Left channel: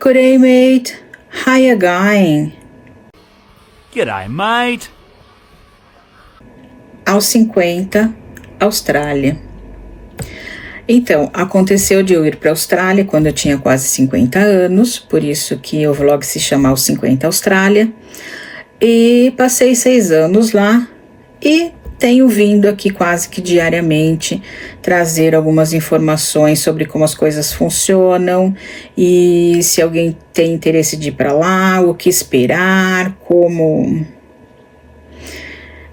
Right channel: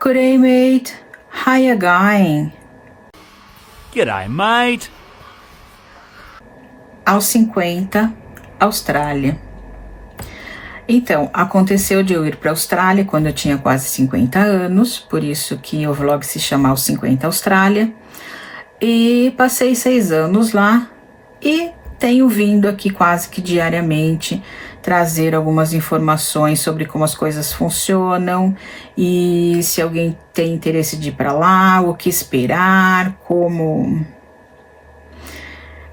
Good day, mate. How you going? G'day, mate. Aos 50, Austrália. Então, aconteceu de eu ir para a Austrália quando eu tinha quase 50 anos, por isso que o vlog se chama Aos 50 Austrália. E passei 6 anos lá e tenho vindo aqui quase que diariamente trazer algumas informações sobre como as coisas funcionam e se alguém tem interesse de ir para lá, o que esperar,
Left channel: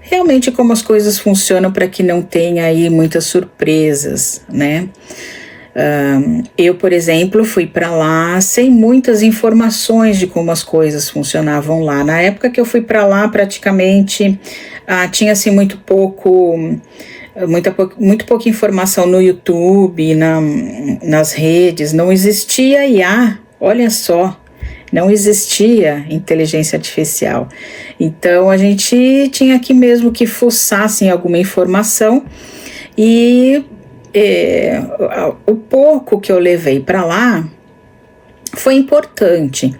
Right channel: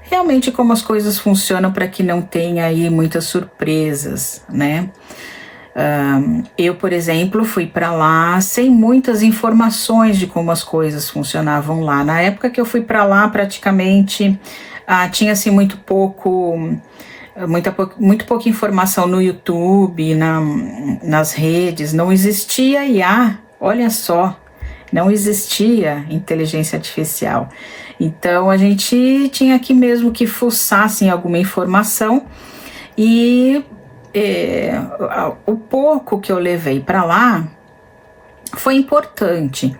realmente como as coisas funcionam para que não tenha aí muitas surpresas, né? Eu, por exemplo, fui para lá sem muitas informações de como as coisas funcionavam lá. Na época que eu fui para lá, praticamente tinha assim muito pouca informação no YouTube, nas redes. Não existia IA, olha só, não existia inteligência artificial. Então a gente tinha que mesmo que fuçar em alguma informação e o pouco que eu levei para lá foi importante,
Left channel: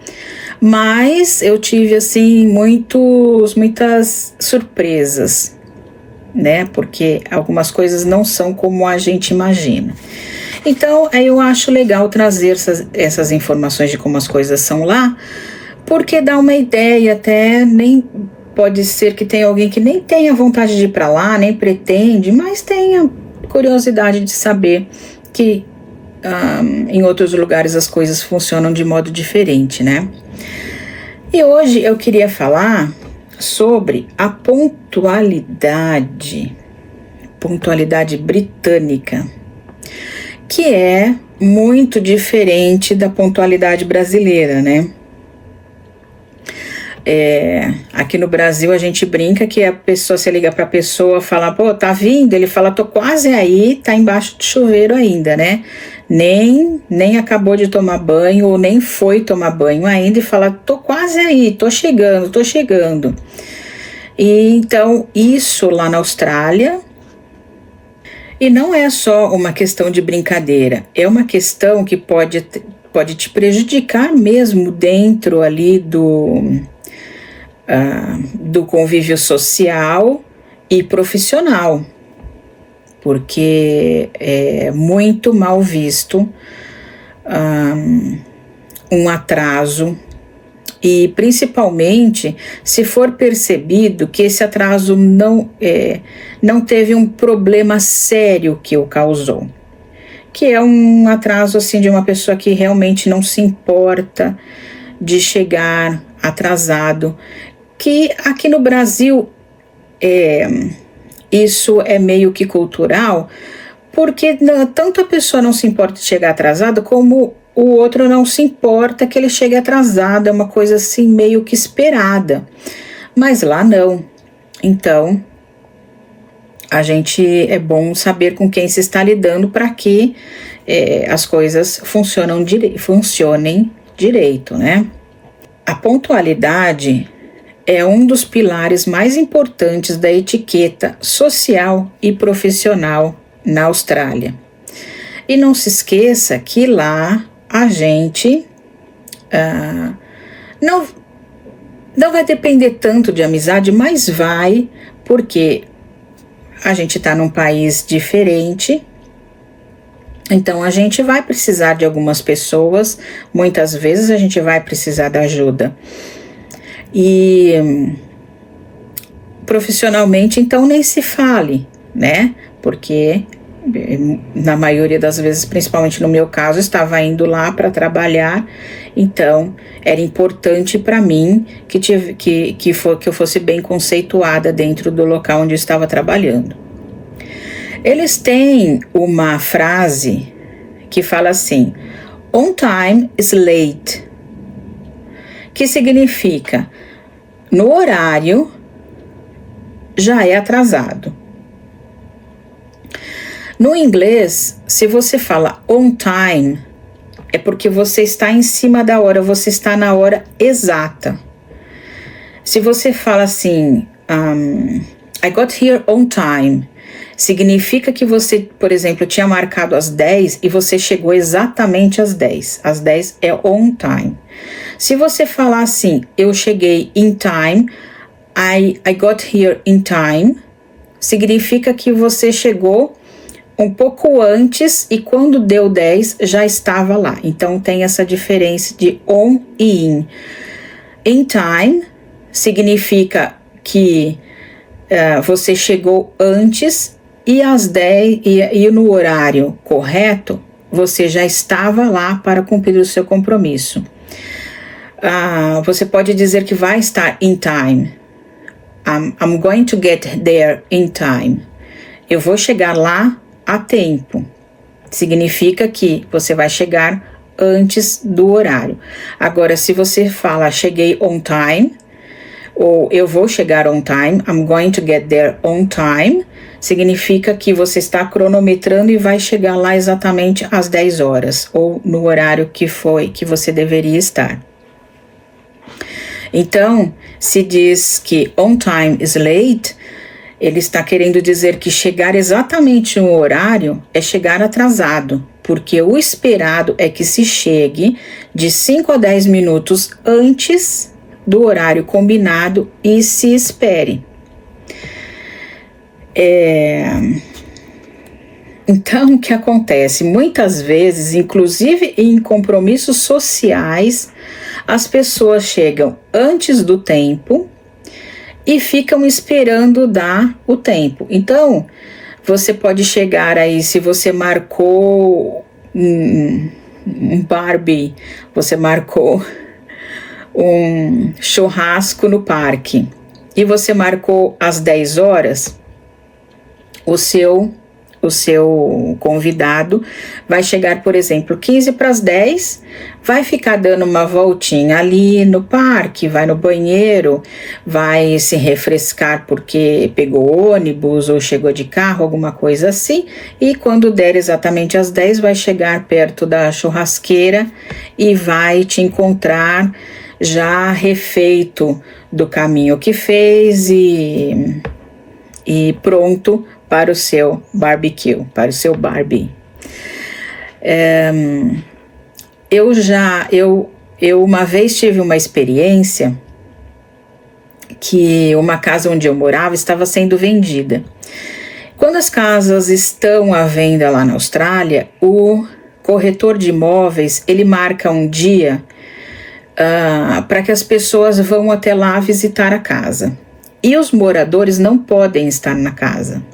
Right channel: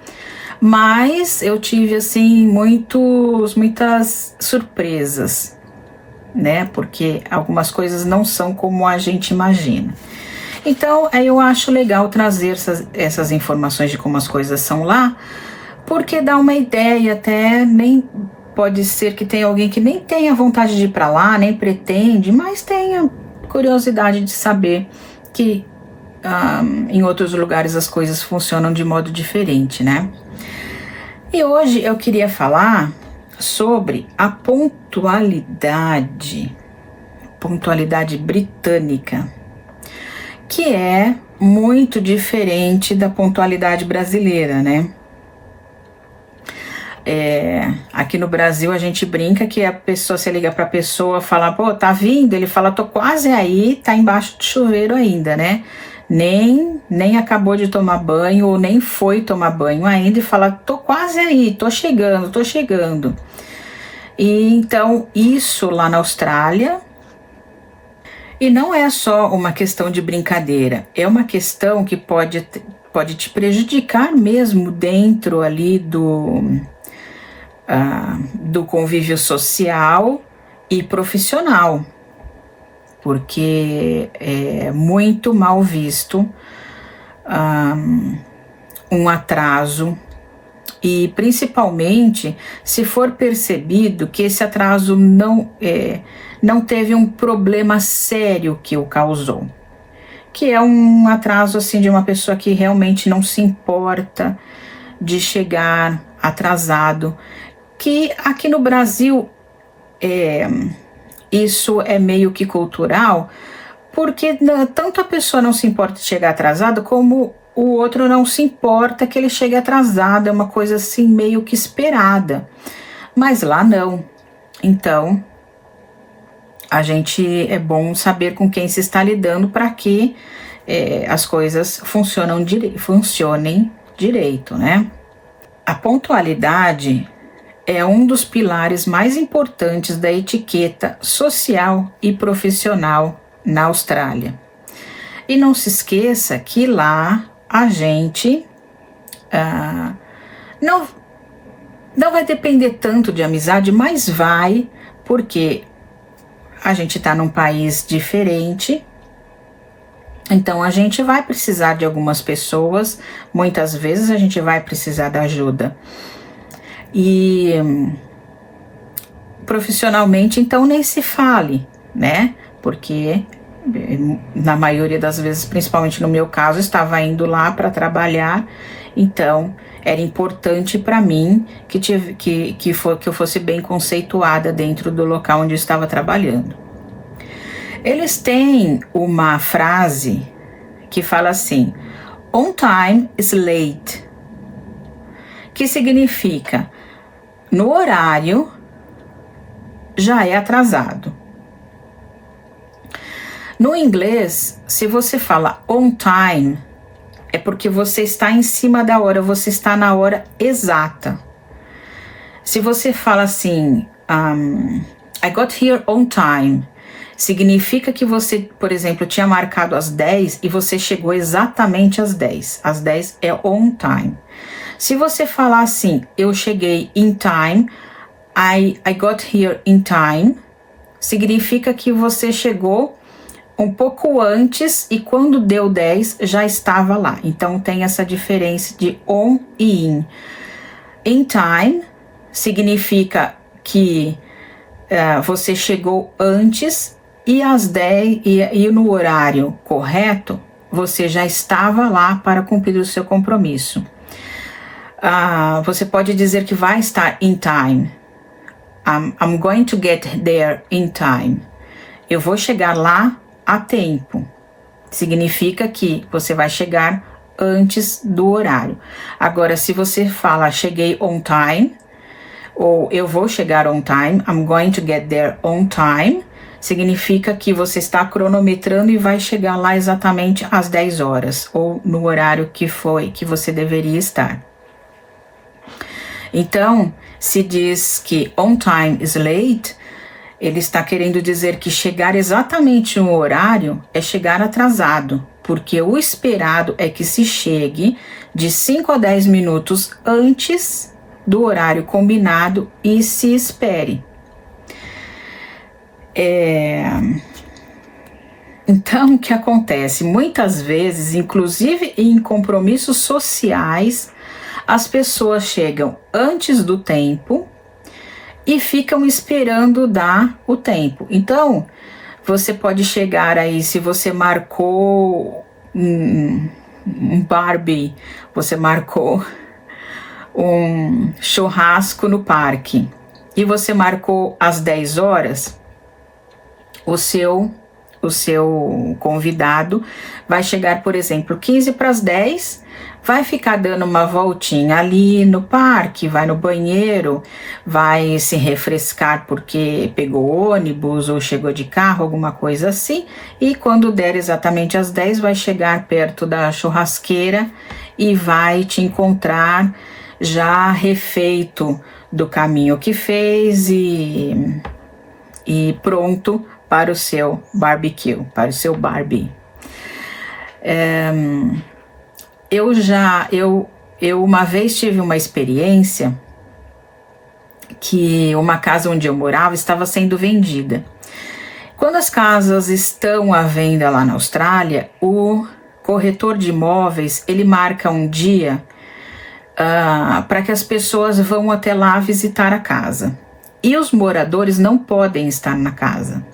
mas eu tive assim muitas surpresas, né? Porque algumas coisas não são como a gente imagina. Então eu acho legal trazer essas informações de como as coisas são lá, porque dá uma ideia, até nem pode ser que tenha alguém que nem tenha vontade de ir para lá, nem pretende, mas tenha curiosidade de saber que em outros lugares as coisas funcionam de modo diferente, né? E hoje eu queria falar sobre a pontualidade britânica, que é muito diferente da pontualidade brasileira, né? Aqui no Brasil a gente brinca que a pessoa, se liga para a pessoa, fala, pô, tá vindo? Ele fala, tô quase aí, tá embaixo do chuveiro ainda, né? Nem acabou de tomar banho ou nem foi tomar banho ainda e fala, tô quase aí, tô chegando. E então isso lá na Austrália, e não é só uma questão de brincadeira, é uma questão que pode te prejudicar mesmo dentro ali do convívio social e profissional, porque é muito mal visto um atraso, e principalmente se for percebido que esse atraso não teve um problema sério que o causou, que é um atraso assim de uma pessoa que realmente não se importa de chegar atrasado, que aqui no Brasil isso é meio que cultural, porque tanto a pessoa não se importa de chegar atrasada, como o outro não se importa que ele chegue atrasado, é uma coisa assim meio que esperada, mas lá não. Então é bom saber com quem se está lidando para que as coisas funcionem direito, né? A pontualidade é um dos pilares mais importantes da etiqueta social e profissional na Austrália. E não se esqueça que lá a gente não vai depender tanto de amizade, mas vai, porque a gente está num país diferente, então a gente vai precisar de algumas pessoas, muitas vezes a gente vai precisar da ajuda. E profissionalmente, então, nem se fale, né? Porque na maioria das vezes, principalmente no meu caso, estava indo lá para trabalhar, então era importante para mim que eu fosse bem conceituada dentro do local onde eu estava trabalhando. Eles têm uma frase que fala assim: on time is late, que significa no horário já é atrasado. No inglês, se você fala on time, é porque você está em cima da hora, você está na hora exata. Se você fala assim, I got here on time, significa que você, por exemplo, tinha marcado às 10 e você chegou exatamente às 10. Às 10 é on time. Se você falar assim, eu cheguei in time, I got here in time, significa que você chegou um pouco antes e quando deu 10 já estava lá. Então tem essa diferença de on e in. In time significa que você chegou antes e às 10 e no horário correto você já estava lá para cumprir o seu compromisso. Você pode dizer que vai estar in time. I'm going to get there in time. Eu vou chegar lá a tempo. Significa que você vai chegar antes do horário. Agora, se você fala cheguei on time, ou eu vou chegar on time, I'm going to get there on time, significa que você está cronometrando e vai chegar lá exatamente às 10 horas, ou no horário que você deveria estar. Então, se diz que on time is late, ele está querendo dizer que chegar exatamente no horário é chegar atrasado, porque o esperado é que se chegue de 5 a 10 minutos antes do horário combinado e se espere. Então, o que acontece? Muitas vezes, inclusive em compromissos sociais, as pessoas chegam antes do tempo e ficam esperando dar o tempo. Então, você pode chegar aí, se você marcou um Barbie, você marcou um churrasco no parque e você marcou às 10 horas, o seu convidado vai chegar, por exemplo, 15 para as 10, vai ficar dando uma voltinha ali no parque, vai no banheiro, vai se refrescar porque pegou ônibus ou chegou de carro, alguma coisa assim, e quando der exatamente às 10, vai chegar perto da churrasqueira e vai te encontrar já refeito do caminho que fez e pronto para o seu barbecue, para o seu Barbie. Eu uma vez tive uma experiência que uma casa onde eu morava estava sendo vendida. Quando as casas estão à venda lá na Austrália, o corretor de imóveis, ele marca um dia para que as pessoas vão até lá visitar a casa. E os moradores não podem estar na casa.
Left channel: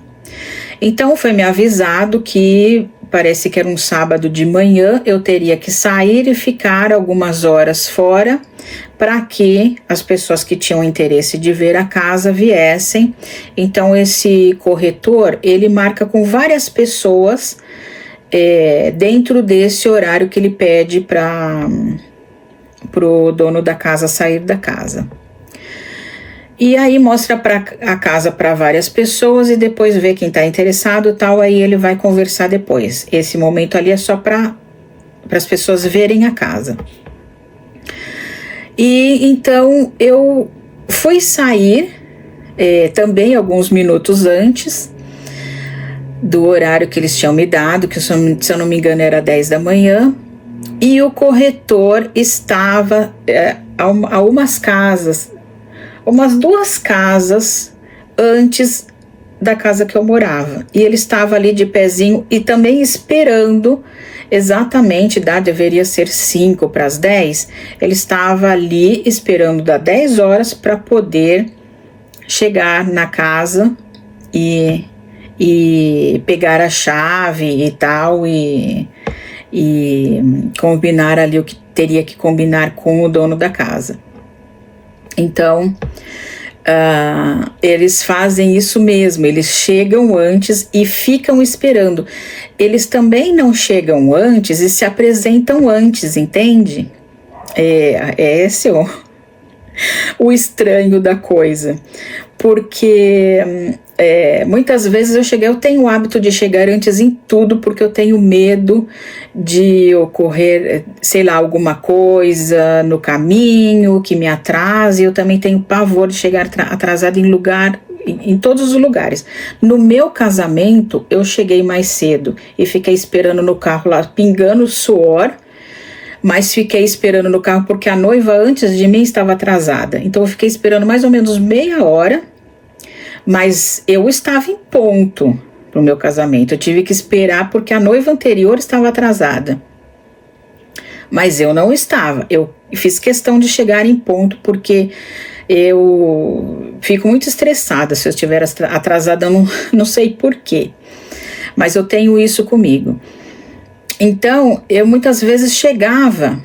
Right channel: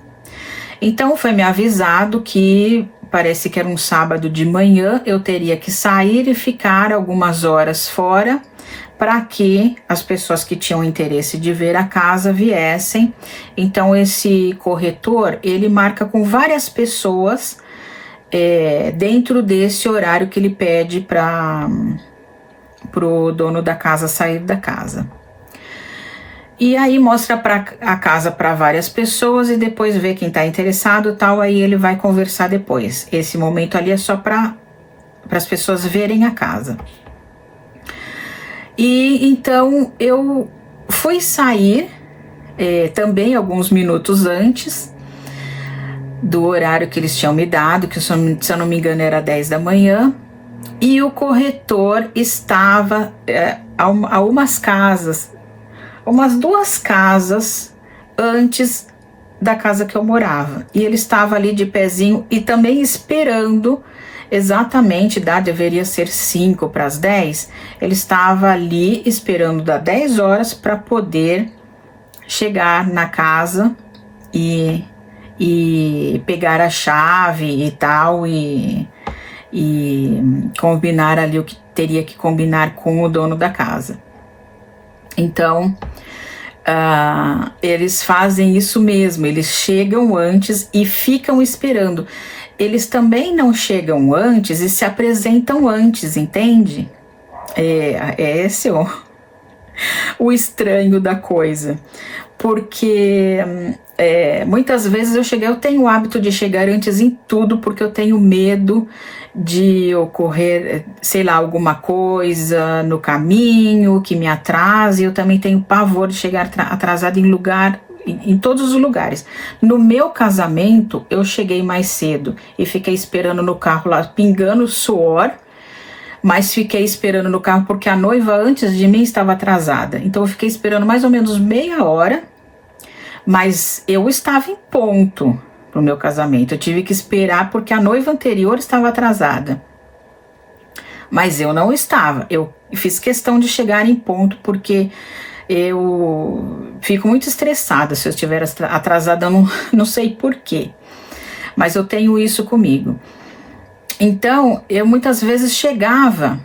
Então foi me avisado que parece que era um sábado de manhã, eu teria que sair e ficar algumas horas fora para que as pessoas que tinham interesse de ver a casa viessem. Então esse corretor, ele marca com várias pessoas dentro desse horário que ele pede para o dono da casa sair da casa. E aí mostra a casa para várias pessoas e depois vê quem está interessado e tal, aí ele vai conversar depois. Esse momento ali é só para as pessoas verem a casa. E então eu fui sair também alguns minutos antes do horário que eles tinham me dado, que se eu não me engano era 10 da manhã, e o corretor estava a umas 2 casas antes da casa que eu morava. E ele estava ali de pezinho e também esperando exatamente, deveria ser 5 para as 10. Ele estava ali esperando dar 10 horas para poder chegar na casa e pegar a chave e tal e combinar ali o que teria que combinar com o dono da casa. Então, eles fazem isso mesmo, eles chegam antes e ficam esperando. Eles também não chegam antes e se apresentam antes, entende? Esse é o estranho da coisa. Porque muitas vezes eu tenho o hábito de chegar antes em tudo, porque eu tenho medo de ocorrer, sei lá, alguma coisa no caminho que me atrase. Eu também tenho pavor de chegar atrasado em lugar em todos os lugares. No meu casamento, eu cheguei mais cedo e fiquei esperando no carro lá, pingando suor, mas fiquei esperando no carro porque a noiva antes de mim estava atrasada. Então eu fiquei esperando mais ou menos meia hora, mas eu estava em ponto para o meu casamento. Eu tive que esperar porque a noiva anterior estava atrasada. Mas eu não estava. Eu fiz questão de chegar em ponto porque eu fico muito estressada se eu estiver atrasada, eu não sei por quê. Mas eu tenho isso comigo. Então, eu muitas vezes chegava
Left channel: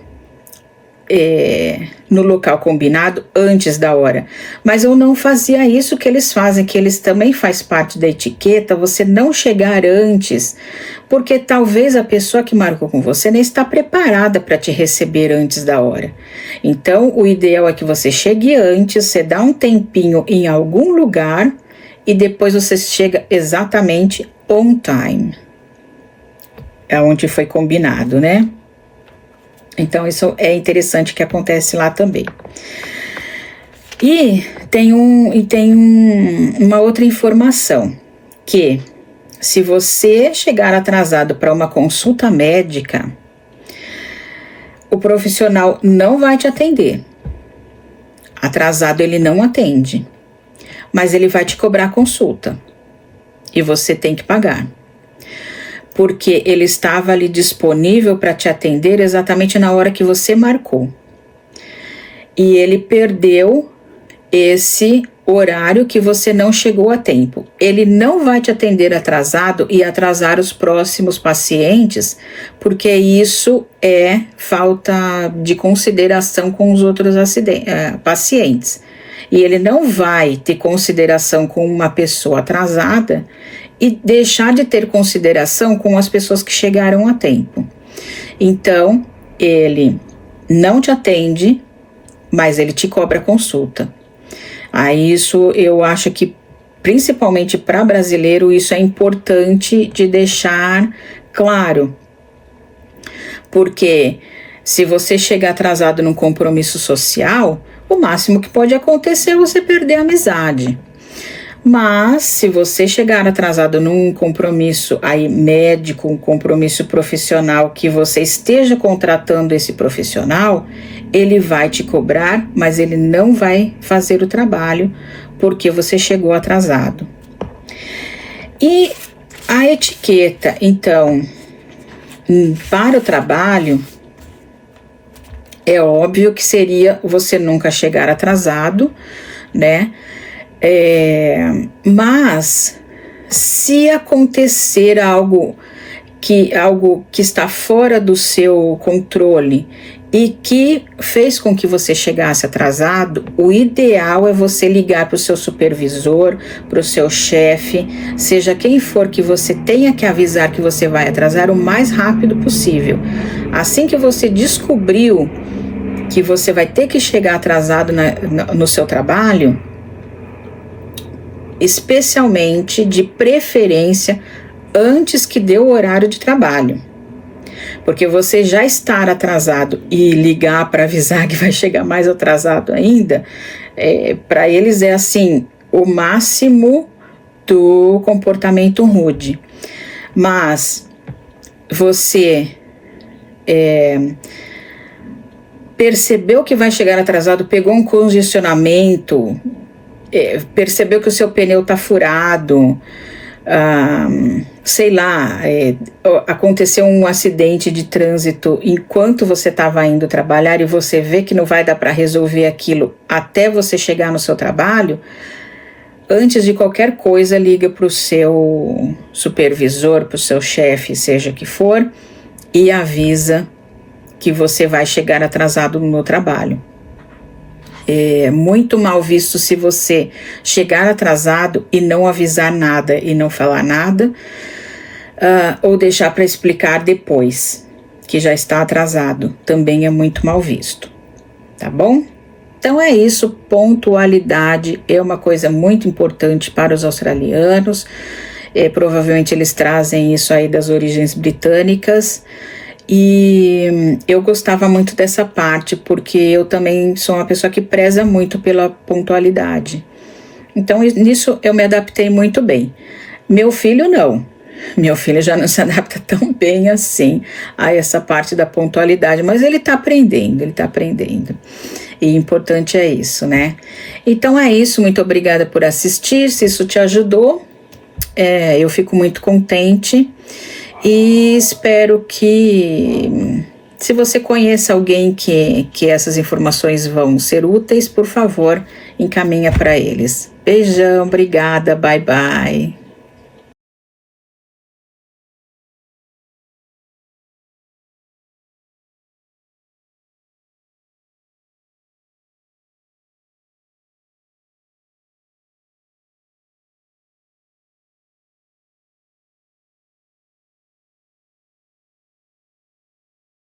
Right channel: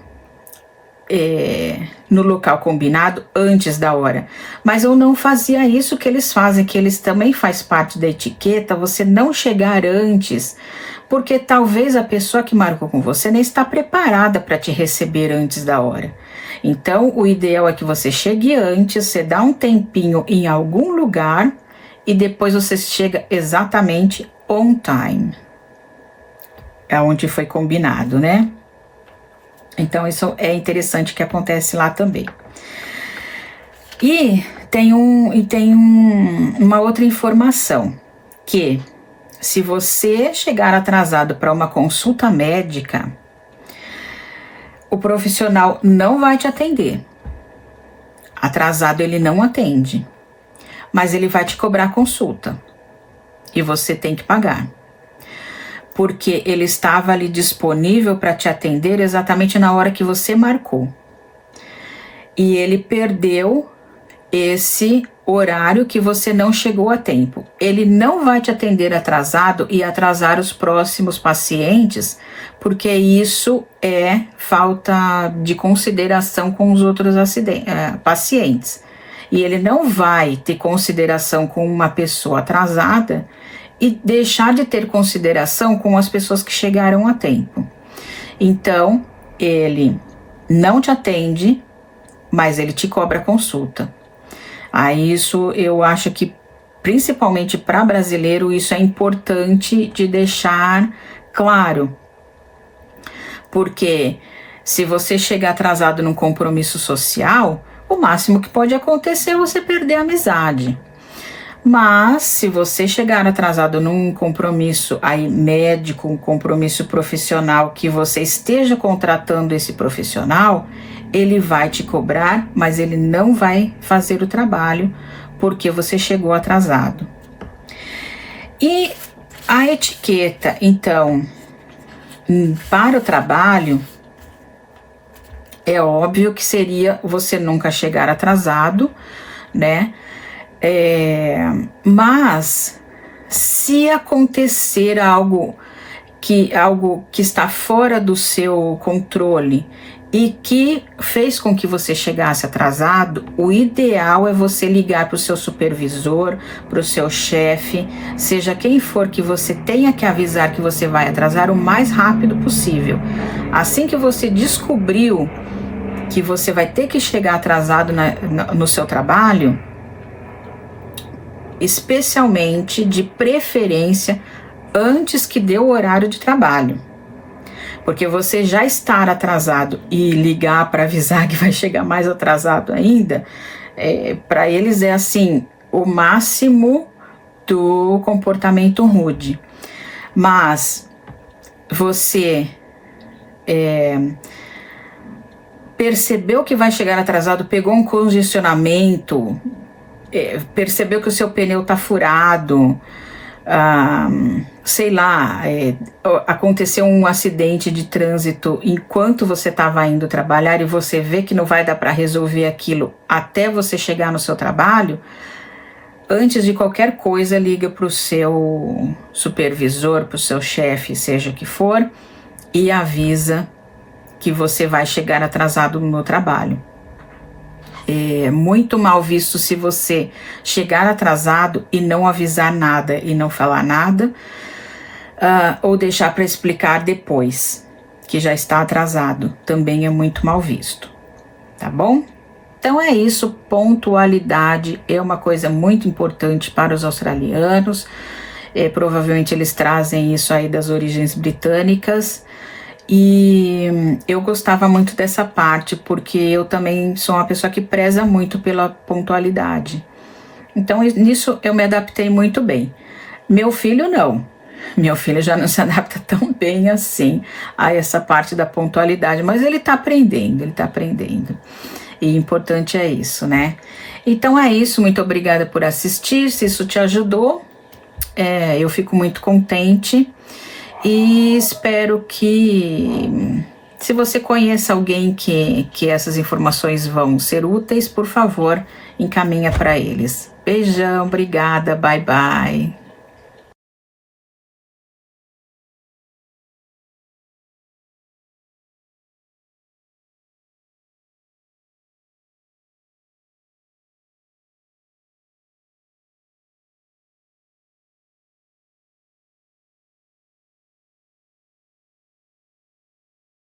no local combinado antes da hora, mas eu não fazia isso que eles fazem, que eles também faz parte da etiqueta, você não chegar antes, porque talvez a pessoa que marcou com você nem está preparada para te receber antes da hora. Então, o ideal é que você chegue antes, você dá um tempinho em algum lugar e depois você chega exatamente on time. É onde foi combinado, né? Então, isso é interessante que acontece lá também. E tem uma outra informação, que se você chegar atrasado para uma consulta médica, o profissional não vai te atender. Atrasado ele não atende, mas ele vai te cobrar a consulta e você tem que pagar. Porque ele estava ali disponível para te atender exatamente na hora que você marcou. E ele perdeu esse horário que você não chegou a tempo. Ele não vai te atender atrasado e atrasar os próximos pacientes, porque isso é falta de consideração com os outros pacientes. E ele não vai ter consideração com uma pessoa atrasada e deixar de ter consideração com as pessoas que chegaram a tempo. Então, ele não te atende, mas ele te cobra consulta. Aí isso eu acho que, principalmente para brasileiro, isso é importante de deixar claro. Porque se você chegar atrasado num compromisso social, o máximo que pode acontecer é você perder a amizade. Mas, se você chegar atrasado num compromisso aí médico, um compromisso profissional, que você esteja contratando esse profissional, ele vai te cobrar, mas ele não vai fazer o trabalho porque você chegou atrasado. E a etiqueta, então, para o trabalho, é óbvio que seria você nunca chegar atrasado, né? Mas se acontecer algo que está fora do seu controle e que fez com que você chegasse atrasado, o ideal é você ligar para o seu supervisor, para o seu chefe, seja quem for que você tenha que avisar que você vai atrasar o mais rápido possível. Assim que você descobriu que você vai ter que chegar atrasado no seu trabalho, especialmente, de preferência, antes que dê o horário de trabalho. Porque você já estar atrasado e ligar para avisar que vai chegar mais atrasado ainda, para eles é assim, o máximo do comportamento rude. Mas você percebeu que vai chegar atrasado, pegou um congestionamento, percebeu que o seu pneu está furado, sei lá, aconteceu um acidente de trânsito enquanto você estava indo trabalhar e você vê que não vai dar para resolver aquilo até você chegar no seu trabalho, antes de qualquer coisa, liga para o seu supervisor, para o seu chefe, seja que for, e avisa que você vai chegar atrasado no trabalho. É muito mal visto se você chegar atrasado e não avisar nada e não falar nada, ou deixar para explicar depois que já está atrasado. Também é muito mal visto, tá bom? Então é isso, pontualidade é uma coisa muito importante para os australianos. Provavelmente eles trazem isso aí das origens britânicas. E eu gostava muito dessa parte, porque eu também sou uma pessoa que preza muito pela pontualidade. Então, nisso eu me adaptei muito bem. Meu filho não. Meu filho já não se adapta tão bem assim a essa parte da pontualidade, mas ele tá aprendendo, E importante é isso, né? Então é isso, muito obrigada por assistir. Se isso te ajudou, eu fico muito contente e espero que, se você conhece alguém que essas informações vão ser úteis, por favor, encaminha para eles. Beijão, obrigada, bye bye.